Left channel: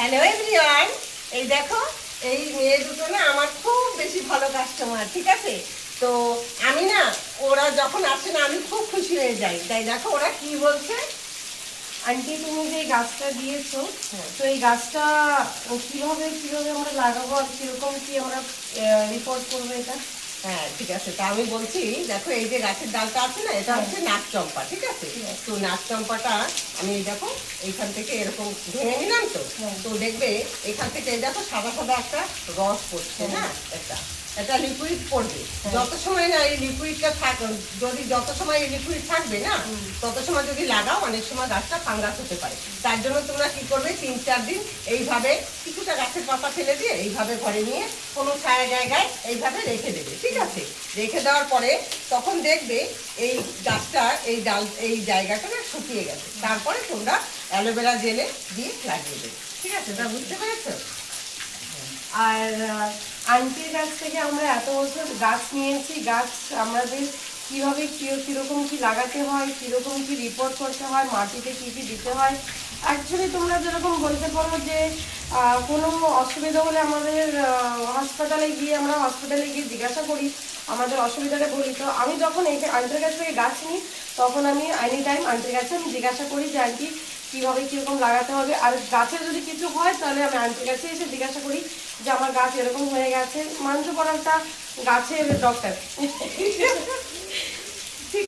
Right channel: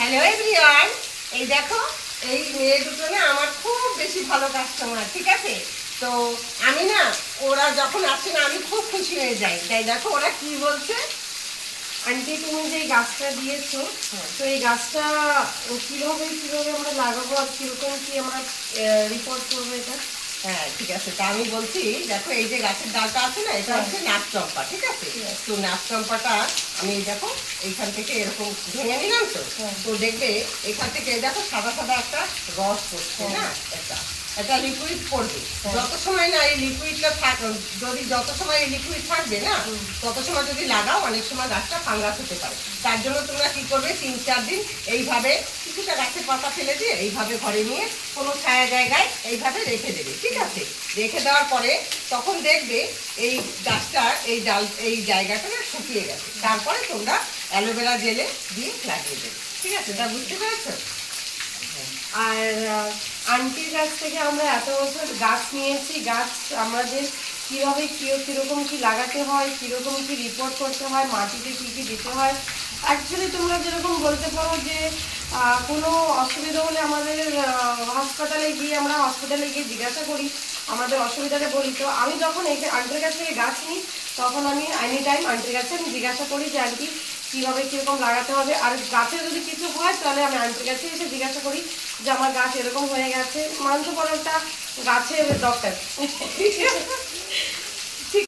Hello everyone, এই দেখো এই মেয়ে দুটো না আমার খুব বেশি ভালো কাস্টমার, ঠিক আছে? তো আমি না, ওরা যখন আসে না আমি খুব খুশি হয়ে যাই। তাই দেখো ওরা কি বলছে। আন্টি তুমি যে এই গাছটা দিয়েছো, তো এই গাছটা কিভাবে কিভাবে আমরা লাগাবো আর কিরকম কি আমরা রিপোর্ট করবো এটা? হ্যাঁ ঠিক আছে, তা আমি বলছি দেখো এই যে গাছের ডালটা আছে না, এটা হচ্ছে নাক চম্পা, ঠিক আছে? তো নাক চম্পাটা আমি এই দেখো এইখান থেকে এরকম ভেঙে নিলাম। তো তো দেখবে এখান থেকে এই দেখো সাদা সাদা একটা রস পড়ছে না, একটা লিকুইড পড়বে। যত সময় না এই লিকুইডটা যদি যত সময় এই লিকুইড থাকবে না, তত সময় যদি লাগাও অনেক সময় গাছটা ফাঙ্গাস হতে পারে। তার জন্য তোমরা কি করবে, 3-4 দিন এইভাবে কিছুটা গাছের পাতা ফেলে দিয়ে এইভাবে ঘরে নিয়ে কোনো ছায়া জায়গায় এইভাবে রেখে দেবে, ঠিক আছে? রেখে দেওয়ার পরে তখন দেখবে এই গাছটা এই ডাল এই জায়গাটা না শুকিয়ে গেছে। তারপরে তোমরা অ্যালোভেরা জেলে দিয়ে লাগিয়ে দেবে, ঠিক আছে? তা বুঝতে পেরেছো? আর আন্টির কাছ থেকে আমরা এত বছর গাছ নিয়েছি, গাছ আমাদের কিভাবে কিরকম কি লাগাতে হয়, কিরকম কি রিপোর্ট করতে হয়, মাটিতে কি কি দিতে হয়। অ্যাকচুয়ালি তোমরা যেরকম বলতে পারো যে কোনো অসুবিধা হলে আমাদের হাসপাতালে গিয়ে জিজ্ঞাসা করি, আমাদের অসুবিধাটা বলি। তো আমি যখন এই আন্টির কাছ থেকে গাছ নিই, তখন আমি এনি টাইম আন্টির কাছে আমি জিজ্ঞাসা করি যে আন্টি কীভাবে কীরকম লাগাতে হবে। আর গাছের যদি কিছু হয় তাহলে আমি আন্টির কাছে এসে জিজ্ঞাসা করি যে আমার গাছ এরকম হয়ে গেছে। মানতে পারো একটা গাছের ডক্টর।